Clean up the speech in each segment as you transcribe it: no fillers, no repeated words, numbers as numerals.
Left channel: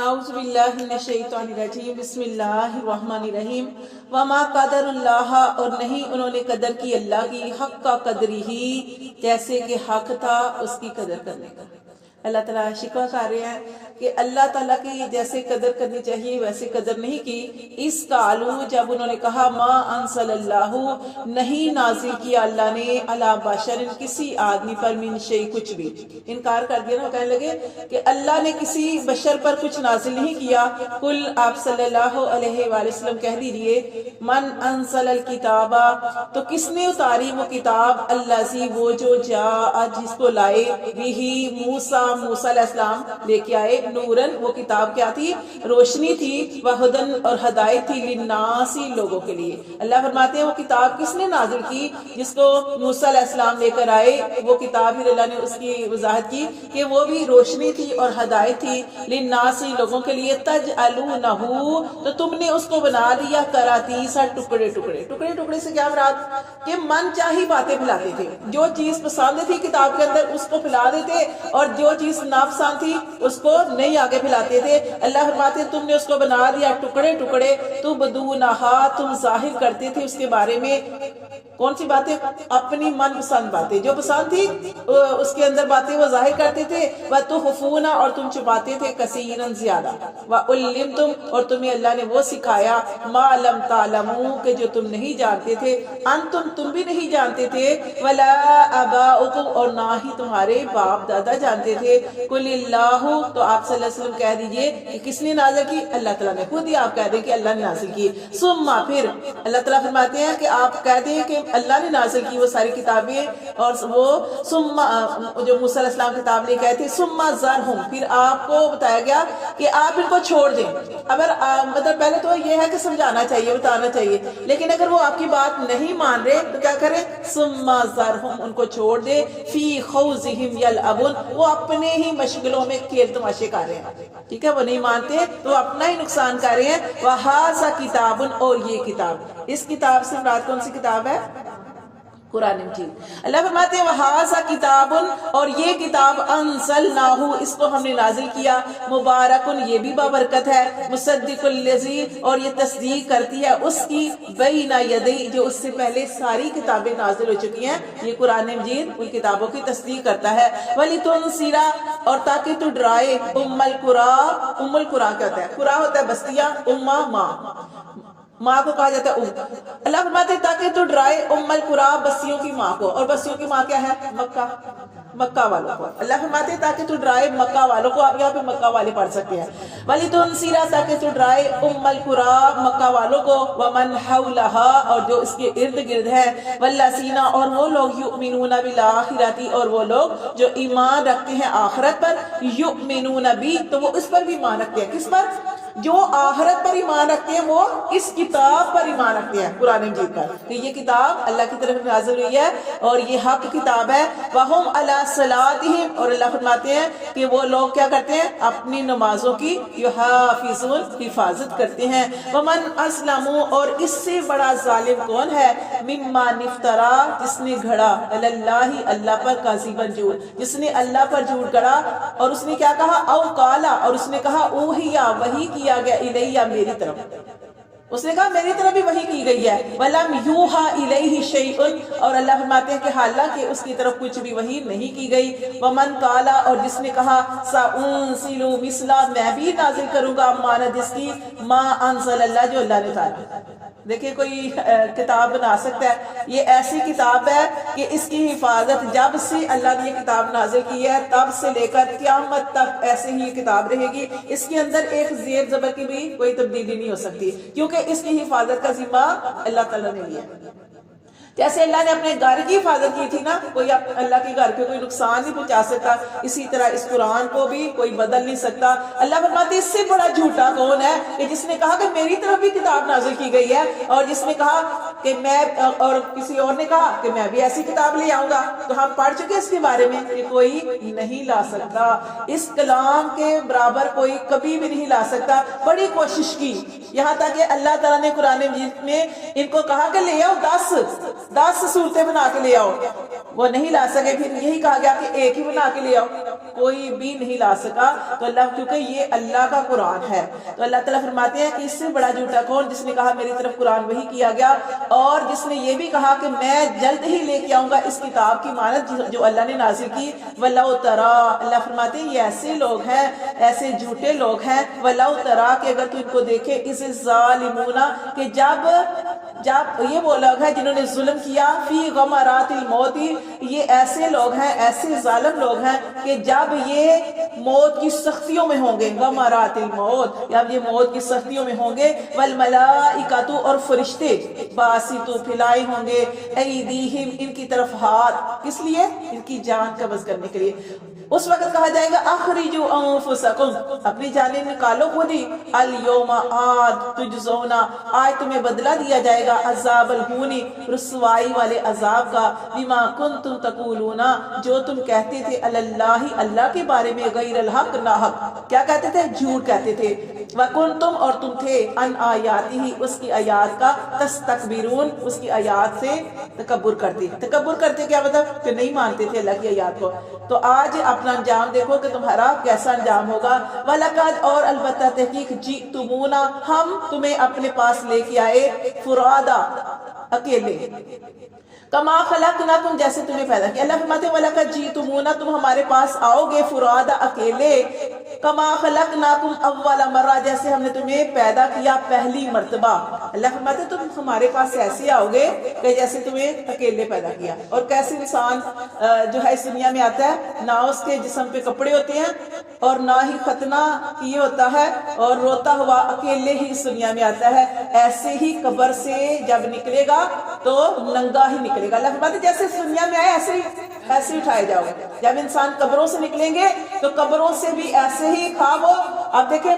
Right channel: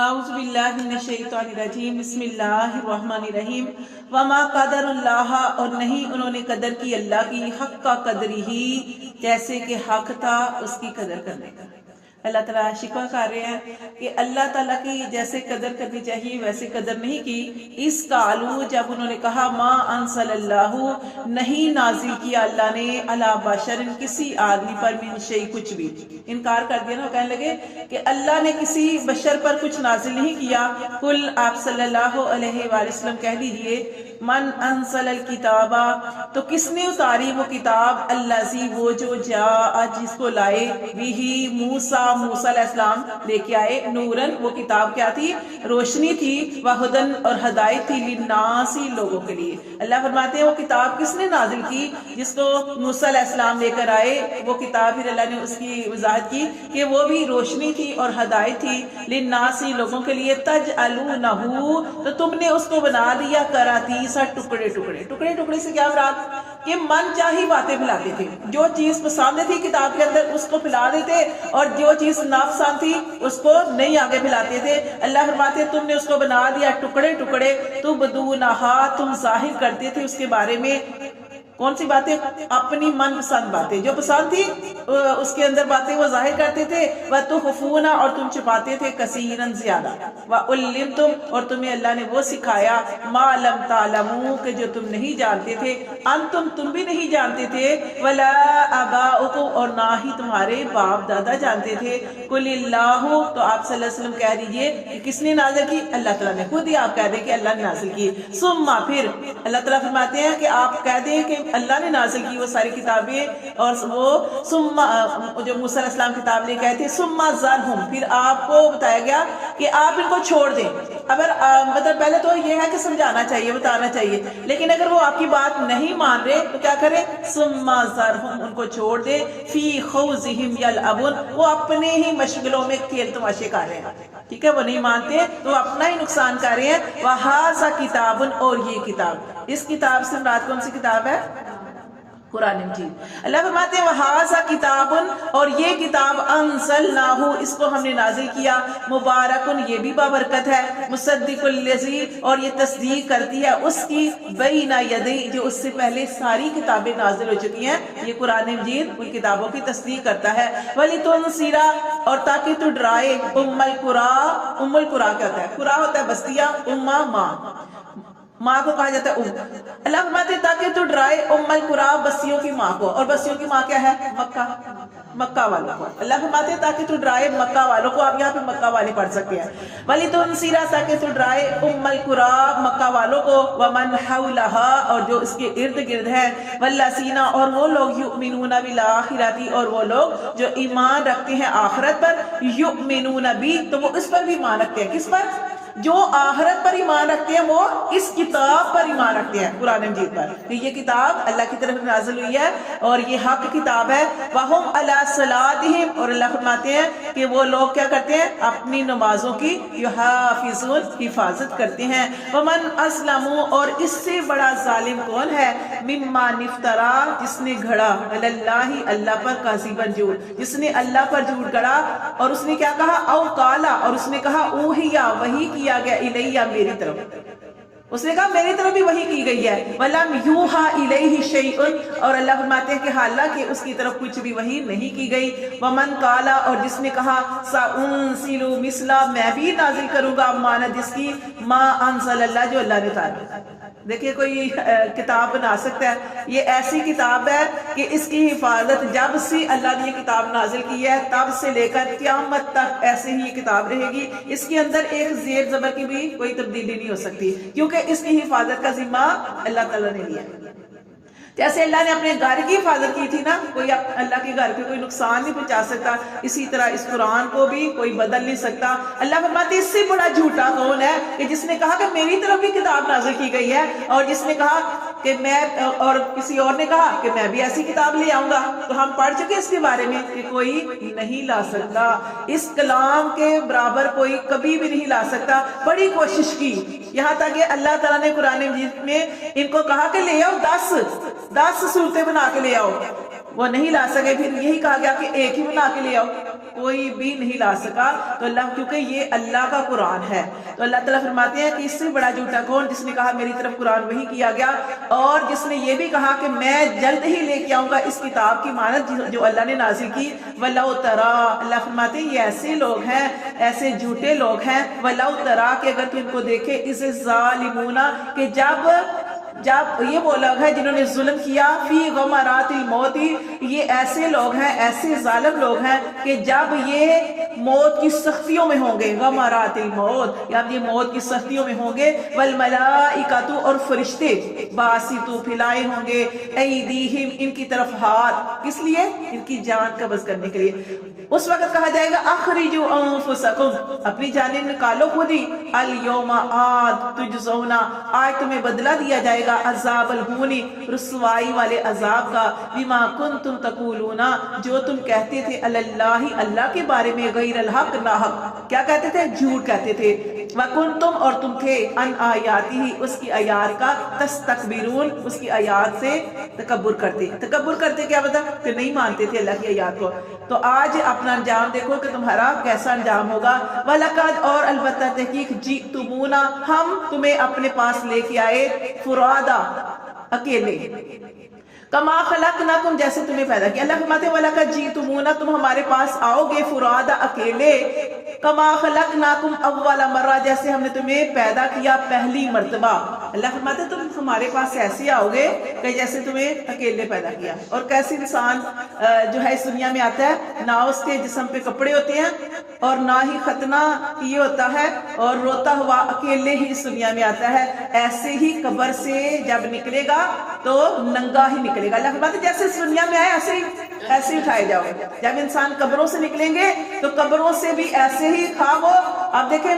اعوذ باللہ من الشیطان الرجیم بسم اللہ الرحمن الرحیم وما قدر اللہ، اور نہیں انہوں نے قدر کی اللہ کی، حق کا قدری ہی، جیسے کہ حق تھا اس کی قدر کرنے کا۔ اللہ تعالیٰ شکوہ کر رہے ہیں کہ اللہ تعالیٰ کی جیسے قدر کرنی چاہیے ویسے قدر نہیں کی۔ اس قالو، جب انہوں نے کہا ما انزل اللہ، نہیں نازل کیا اللہ نے علی بشر، کسی آدمی پر، من شیء، کچھ بھی انکار کر دیا نا، کہنے لگے کہ اللہ نے کسی بشر پر کچھ نازل نہیں کیا۔ قل، آپ صلی اللہ علیہ وآلہ وسلم کہہ دیجئے، من انزل الکتاب، تو کس نے اتاری وہ کتاب، الذی، وہ جو جاء، جس کو لائے، بھی موسیٰ، موسیٰ علیہ السلام لے کے آئے، نورن، وہ کتاب کیا تھی، روشنی تھی، وہدن، اور ہدایت تھی، للناس، لوگوں کے لیے۔ اللہ فرماتے ہیں وہ کتاب کس نے نازل کی، جس کو موسیٰ علیہ السلام لے کر آئے، وہ کتاب پھر اللہ نے اس کی وضاحت کی کہ وہ بھی روشنی تھی اور ہدایت تھی، للناس، لوگوں کے لیے، تجعلونہ، تو تم نے اس کو بنا دیا قراطیس، ٹکڑے ٹکڑے۔ ٹکڑے ٹکڑے سے کیا مراد، کہ من چاہی باتیں پھیلاتے تھے، جو چیز پسند تھی کتاب کے اندر اس کو پھیلا دیتے، اور جو چیز ناپسند تھی اس کو نہیں آگے پھیلاتے تھے۔ اللہ فرماتے تم نے اس کو بنا دیا ٹکڑے ٹکڑے، تو بدونہا، تم ظاہر کرتے تھے اس کے بارے میں کون سی باتیں، اپنی من پسند باتیں، جو پسند تھی اس کے اندر باتیں وہ ظاہر کرتے تھے، وَتُخْفُونَ، اور تم چھپاتے تھے، کثیراً، زیادہ، وَعُلِّمْتُمْ، اور تمہیں اللہ نے وہ سکھایا، مَا لَمْ تَعْلَمُوا، کہ جو تم نہیں جانتے تھے، أَنْتُمْ، تم بھی نہیں جانتے تھے، وَلَا آبَاؤُكُمْ، اور نہ ہی تمہارے باپ دادا جانتے تھے۔ قُلِ اللَّهُ، تو آپ صلی اللہ علیہ وسلم کہہ دیجئے کہ کس نے نازل کی، اللہ تعالیٰ نے، خود ہی آپ کہہ دیں کہ اللہ نے نازل کی۔ ثم، پھر اللہ تعالیٰ فرماتے ہیں کہ آپ کہہ دیں کہ اللہ نے نازل کی وہ ساری کتابیں، اور وہ ثم، جو موسیٰ علیہ السلام کتاب لے کے آئے تھے، ثم ذرہم، پھر آپ کو بتایا گیا کہ آپ ان کو چھوڑ دیں۔ اگر مطلب پہلے تو یہ ہے کہ سمجھانا چاہیے، بتانا چاہیے، لیکن اگر وہ آپ کی بات نہیں مان رہے تو کیا کریں، ثم ذرہم، ان کو چھوڑ دیں، فی خوضہم یلعبون، وہ اپنے ہی مشغلوں میں کھیل تماشے کر رہے ہیں، ٹھیک ہے، وہ نہیں مانتے تو اپنا ہی نقصان کر رہے ہیں۔ وَہَذَا کِتَابٌ، اور یہ کتاب، اس کتاب سے مراد کون سی کتاب ہے، قرآن مجید۔ اللہ فرماتے ہیں وَهَذَا کِتَابٌ، اور یہ کتاب، أَنزَلْنَاهُ، اس کو ہم نے نازل کیا، مبارکن، یہ بھی بابرکت ہے، مصدق الذی، اور یہ تصدیق کرتی ہے اس کی، بین یدی، جو اس سے پہلے ساری کتابیں نازل ہو چکی ہیں، یہ قرآن مجید ان کتابوں کی تصدیق کرتا ہے۔ وَلِتُنذِرَ، اور تاکہ تو ڈرائے، ام القریٰ، ام القریٰ کیا ہوتا ہے، قریٰ ہوتا ہے بستیاں، امہ، ماں، ماں کو کہا جاتا ہے ام۔ اللہ فرماتے تاکہ تو ڈرائے، ام القریٰ، بستیوں کی ماں کو، اور بستیوں کی ماں کیا ہے، مکہ، مکہ والوں کو۔ اللہ فرماتے تاکہ تو ڈرائے مکہ والوں کو، آپ یہاں پہ مکہ والے پڑھ سکتے ہیں، وَلِتُنذِرَ، تاکہ تو ڈرائے، ام القریٰ، مکہ والوں کو، وَمَنْ حَوْلَهَا، اور جو اس کے ارد گرد ہے، وَالَّذِينَ، اور وہ لوگ، يُؤْمِنُونَ بِالْآخِرَةِ، اور وہ لوگ جو ایمان رکھتے ہیں آخرت پر، يُؤْمِنُونَ بِهِ، تو وہ اس پر بھی ایمان رکھتے ہیں، کس پر، جو آخرت پر ایمان رکھتے ہیں وہ اس کتاب پر ایمان رکھتے ہیں، قرآن مجید پر، کہ یہ کتاب اللہ کی طرف نازل ہوئی ہے اور یہ حق کتاب ہے۔ وَهُمْ عَلَىٰ صَلَاتِهِمْ، اور اللہ فرماتے ہیں کہ وہ لوگ کیا کرتے ہیں، اپنی نمازوں کی، يُحَافِظُونَ، حفاظت کرتے ہیں۔ وَمَنْ أَظْلَمُ، اور اس سے بڑا ظالم کون ہے، مِمَّنِ افْتَرَىٰ، جس نے گھڑا، عَلَى اللَّهِ، اللہ پر، کاذِبًا، جھوٹ، جس نے اللہ پر جھوٹ گھڑا، اور اس نے کیا کہا، او قالا، اور اس نے کہا، اوحیا، وحی کیا گیا، الیہ، میری طرف، اس نے کہا میری طرف بھی وحی کی گئی ہے، وَلَمْ يُوحَىٰ إِلَيْهِ شَيْءٌ، اور اللہ فرماتے ہیں کہ حالانکہ اس کی طرف کچھ بھی وحی نہیں کی گئی۔ وَمَنْ قَالَ، اور جس نے کہا، سَأُنزِلُ مِثْلَ، میں بھی نازل کروں گا مانند جس کی، مَا أَنزَلَ اللَّهُ، جو اللہ نے اتارا۔ دیکھیں کوئی کتاب بنا سکتا ہے، یہ ایسی کتاب ہے کہ اس کی حفاظت جب سے اللہ نے یہ کتاب نازل کی ہے تب سے لے کر قیامت تک ایسے ہی یہ کتاب رہے گی، اس کے اندر ایک زیر زبر کی بھی کوئی تبدیلی نہیں ہو سکتی، کیونکہ اس کی حفاظت کا ذمہ اللہ تعالیٰ نے لیا ہے۔ جیسے اللہ نے اپنے گھر کی حفاظت کی تھی نا، کوئی اللہ کے گھر پہ کوئی نقصان نہیں پہنچا سکتا، اسی طرح اس قرآن کو بھی کوئی بدل نہیں سکتا۔ اللہ فرماتے اس سے بڑا جھوٹا کون ہے کہ جس نے کہا کہ میری طرف بھی کتاب نازل کی گئی ہے، اور جس نے کہا کہ میں، اور کسی اور نے کہا کہ میں بھی ایسی کتاب لے آؤں گا. تو ہم پڑھ چکے اس کے بارے میں کہ کوئی نہیں لا سکتا، اس کلام کے برابر کوئی کبھی بھی نہیں لا سکتا. بڑی کوشش کی، یہاں تک کہ اللہ تعالیٰ نے قرآن مجید میں ان کو کہا کہ لے آؤ 10 صورتیں بنا کے لے آؤ، وہ نہیں لا سکے. پھر یہی کہا گیا کہ ایک ہی بنا کے لے آؤ، کوئی بھی نہیں لا سکا. تو اللہ، کیونکہ یہ اللہ کا قرآن ہے، تو اللہ تعالیٰ فرماتے ہیں کہ اس سے بڑا جھوٹا کون، جس نے کہا میری طرف قرآن وحی کیا گیا، اور جس نے یہ بھی کہا کہ میں جلد ہی لے کے آؤں گا اس کتاب کی مانند جو اللہ نے نازل کی. وَلَوْ تَرَا، اللہ فرماتے ہیں یہ ایسے لوگ ہیں، ایسے جھوٹے لوگ ہیں. وَلَوْ تَرَا، کہ اگر تو ان کو دیکھے، اِذِ الظَّالِمُونَ، کہ جب یہ وہ لوگ ہیں جنہوں نے ظلم کیا، فی غمرات الموت، یہ ایسے لوگ ہیں، ایسے ظالم لوگ ہیں کہ جب یہ موت کی سختیوں میں ہوں گے، غمرات الموت، جب یہ موت کی سختیوں میں ہوں گے، والملائکۃ، اور فرشتے، باسطوا، پھیلائے ہوں گے، ایدیہم، ان کی طرف ہاتھ، کس لیے؟ ان کی جان قبض کرنے کے لیے. اس وقت کہا جائے گا اخرجوا انفسکم، اپنی جانیں نکالو خود ہی، الیوم، آج، تجزون، آج تمہیں بدلہ دیا جائے گا، عذاب الہون، رسوائی والے عذاب کا، بما کنتم تقولون، جو تم کہتے تھے، علی اللہ، اللہ کے بارے میں، غیر الحق، ناحق، کیا کہتے تھے؟ جھوٹ کہتے تھے. وکنتم، اور تم تھے، ان آیاتہ، اس کی آیات کا، تستکبرون، اس کی آیات سے تکبر کرتے. تکبر کرتے کیا مطلب؟ کہ نہیں مانتے تھے اللہ کی آیات کو. تو آج اپنا انجام دیکھو کہ تمہارا کیسا انجام ہوگا. وَلَقَدْ، اور البتہ تحقیق، جِئْتُمُونَا، ہم تمہیں اپنے پاس لے کے آئے، فرادا، اکیلے، کما خلقناکم، جیسے تمہیں پیدا کیا. اللہ فرماتے ہیں وَلَقَدْ جِئْتُمُونَا، تم ہمارے پاس آؤ گے، فرادا، اکیلے، کما خلقناکم اول مرہ، جیسے ہم نے تمہیں پیدا کیا پہلی مرتبہ. اللہ فرماتے ہیں تم ہمارے پاس ایسے آؤ گے کہ جیسے تمہیں اکیلے پیدا کیا. اور کیسے انسان جو ہے اس دنیا میں آتا ہے، نہ اس کے جسم پہ کپڑے ہوتے ہیں اور نہ ہی ختنہ کیے ہوتا ہے، اور روتا ہوا اکیلے ہی اس دنیا میں آتا ہے. ایسے ہی قبر سے جب نکلے گا تو ننگا ہی نکلے گا. اللہ فرماتے ہیں جیسے اس دنیا میں آئے ایسے ہی اٹھائے جاؤ گے. جب انسان قبروں سے نکلیں گے تو قبروں سے بھی ایسے ہی خواب ہو. آپ دیکھیں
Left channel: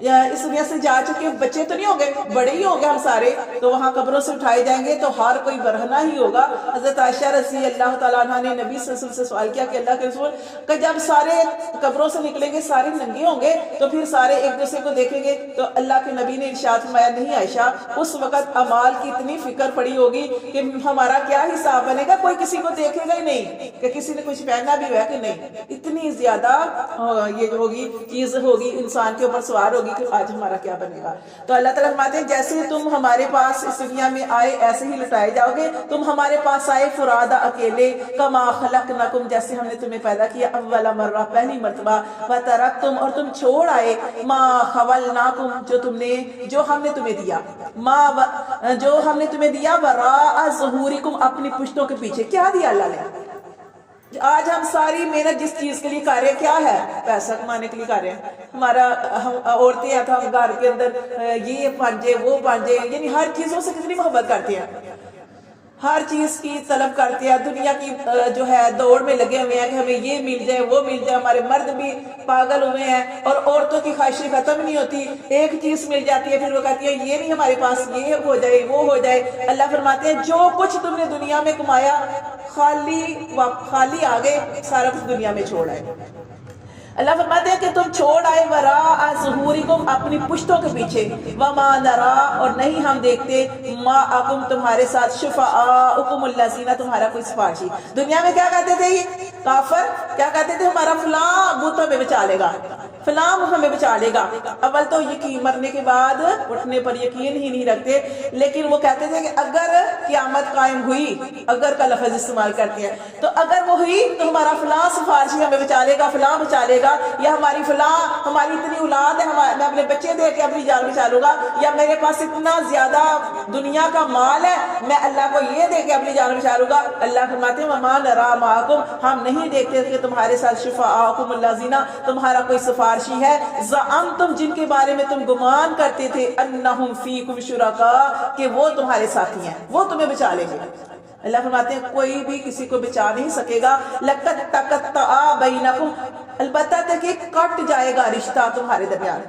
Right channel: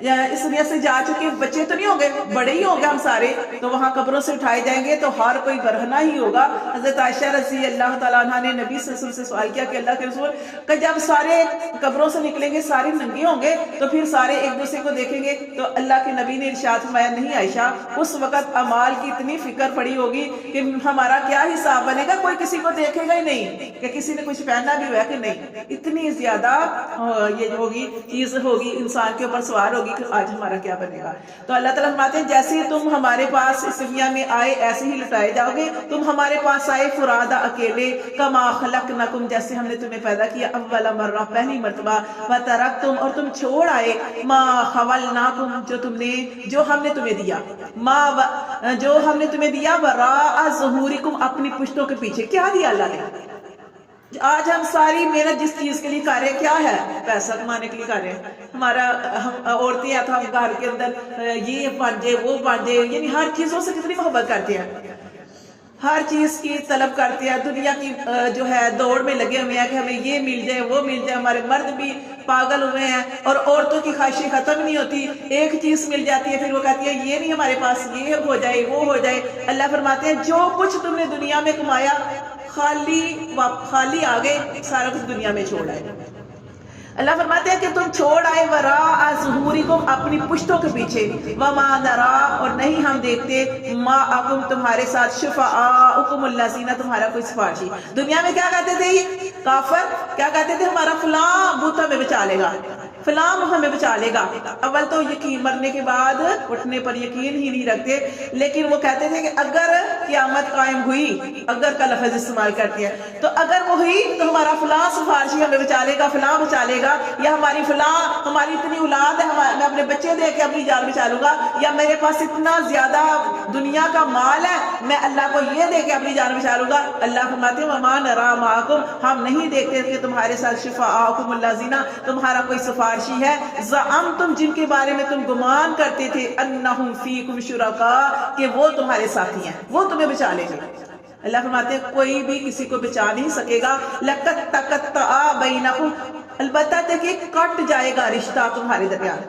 اس دنیا سے جا چکے بچے تو نہیں ہوں گے، بڑے ہی ہوں گے ہم سارے، تو وہاں قبروں سے اٹھائے جائیں گے تو ہر کوئی برہنہ ہی ہوگا. حضرت عائشہ رضی اللہ تعالیٰ عنہ نے نبی صلی اللہ علیہ وسلم سے سوال کیا کہ اللہ کے رسول، کہ جب سارے قبروں سے نکلیں گے سارے ننگے ہوں گے تو پھر سارے ایک دوسرے کو دیکھیں گے؟ تو اللہ کے نبی نے ارشاد فرمایا نہیں عائشہ، اس وقت اعمال کی اتنی فکر پڑی ہوگی کہ ہمارا کیا حساب بنے گا، کوئی کسی کو دیکھے گا ہی نہیں کہ کسی نے کچھ پہننا بھی ہوا کہ نہیں. اتنی زیادہ یہ جو ہوگی چیز ہوگی انسان کے اوپر سوار ہوگی کہ آج ہمارا کیا بنے گا. تو اللہ تعالیٰ فرماتے ہیں جیسے تم ہمارے پاس اس دنیا میں آئے ایسے ہی لٹائے جاؤ گے. تم ہمارے پاس آئے فرادا، اکیلے، کما خلقناکم، جیسے ہم نے تمہیں پیدا کیا اول مرہ، پہلی مرتبہ. وترکتم، اور تم چھوڑ آئے، ما خولناکم، جو ہم نے تمہیں دیا، جو ہم نے تمہیں دیا، وراء ظہورکم، اپنی پشتوں کے پیچھے. کیا دیا اللہ نے؟ آج ہم ساری محنت جس چیز کے لیے کر رہے ہیں کیا ہے؟ پیسہ کمانے کے لیے کر رہے ہیں. ہمارا ہم عورتیں ہیں تو ہم گھر کے اندر یہ پانجے وہ پانجے، یعنی ہر چیزوں سے کتنی محبت کرتے ہیں، ہر چیز کی طلب کرتے ہیں. دنیا کی جو ہے دوڑ میں لگے ہوئے ہیں کہ ہمیں یہ مل جائے وہ مل جائے. ہمارے مرد بھی پاگل ہوئے ہیں اور عورتوں کی خواہشیں ختم نہیں ہوتی. ایک چیز مل جاتی ہے پھر وہ کہتی ہے یہ نہیں ہمارے پاس، یہ ہو جائے وہ ہو جائے. اللہ فرماتے ہیں جو کچھ تم نے دنیا میں کمایا خالی آگے سارا کچھ دنیا میں چھوڑ آئے. اللہ فرماتے ہیں کہ تم چھوڑ آئے وراء ظہورکم، اپنی پشتوں کے پیچھے. وما نرا، اور نہیں ہم دیکھتے، معکم، تمہارے ساتھ، شفعاءکم الذین، تمہارا کوئی سفارشی. دنیا میں کیا کہتے تھے یہ کافر؟ کیا کہتے تھے؟ ہمارا فلاں بت ہمیں بچا لے گا، فلاں ہمیں بچا لے گا. اول تو یقین، مرنے کے بعد اٹھنے پر یقین ہی نہیں رکھتے. لیکن وہ کہتے تھے کہ اگر قیامت قائم ہوئی، اگر کا لفظ استعمال کرتے ہیں، تو اگر وہ ہوئی تو ہمارا فلاں سفارشی ہمیں بچا لے گا، فلاں بچا لے گا، یا ہماری فلاں، ہماری اتنی اولاد ہے، میں اپنے بچے دے کے اپنی جان بچا لوں گا، یا میرے پاس اتنا زیادہ دنیا کا مال ہے میں اللہ کو یہ دے کے اپنی جان بچا لوں گا. اللہ فرماتے ہیں وما نرا معکم، ہم نہیں دیکھتے کہ تمہارے ساتھ شفعاءکم الذین، تمہارا کوئی سفارشی ہے، زعمتم، جن کے بارے میں تم گمان کرتے تھے، انہم فیکم شرکاء، کہ وہ تمہارے ساتھی ہیں، وہ تمہیں بچا لیں گے. اللہ فرماتے ہیں کوئی بھی کسی کو بچا نہیں سکے گا. لقد تقطع بینکم، البتہ کہ کٹ جائے گا رشتہ تمہارے درمیان.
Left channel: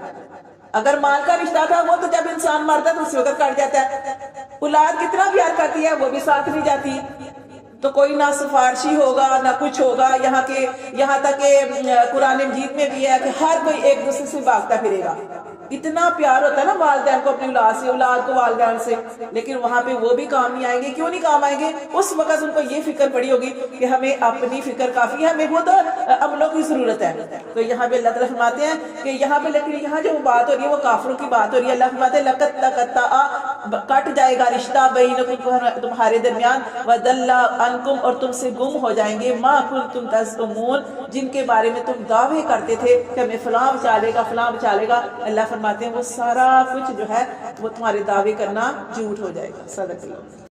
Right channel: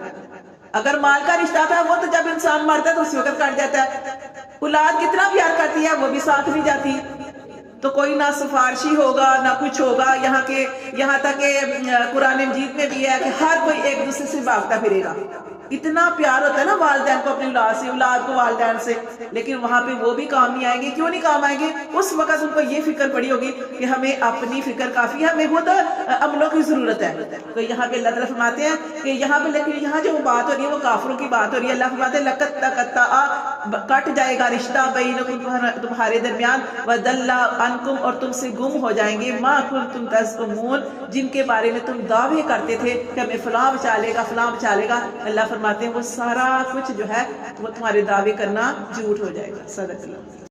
اگر مال کا رشتہ تھا وہ تو جب انسان مرتا ہے تو اسی وقت کٹ جاتا ہے. اولاد کتنا پیار کرتی ہے وہ بھی ساتھ نہیں جاتی، تو کوئی نہ سفارشی ہوگا نہ کچھ ہوگا، یہاں تک کہ قرآن مجید میں بھی ہے کہ ہر کوئی ایک دوسرے سے بھاگتا پھرے گا۔ اتنا پیار ہوتا ہے نا والدین کو اپنی اولاد سے، اولاد کو والدین سے، لیکن وہاں پہ وہ بھی کام نہیں آئیں گے۔ کیوں نہیں کام آئیں گے؟ اس وقت ان کو یہ فکر پڑی ہوگی کہ ہمیں اپنی فکر کافی ہے، ہمیں خود عملوں کی ضرورت ہے۔ تو یہاں پہ اللہ تعالیٰ فرماتے ہیں کہ یہاں پہ، لیکن یہاں جو بات ہو رہی ہے وہ کافروں کی بات ہو رہی ہے۔ اللہ فرماتے ہیں لقد تقطع، کٹ جائے گا رشتہ بینکم، تمہارے درمیان، وضل عنکم، اور تم سے گم ہو جائیں گے، ما کنتم تزعمون، جن کے بارے میں تم دعوے کرتے تھے کہ ہمیں فلاں بچا لے گا، فلاں بچا لے گا۔ اللہ فرماتے ہیں وہ سارا کچھ جو ہے وہ تمہارے دعوے کرنا جھوٹ ہو جائے گا۔ صدق اللہ۔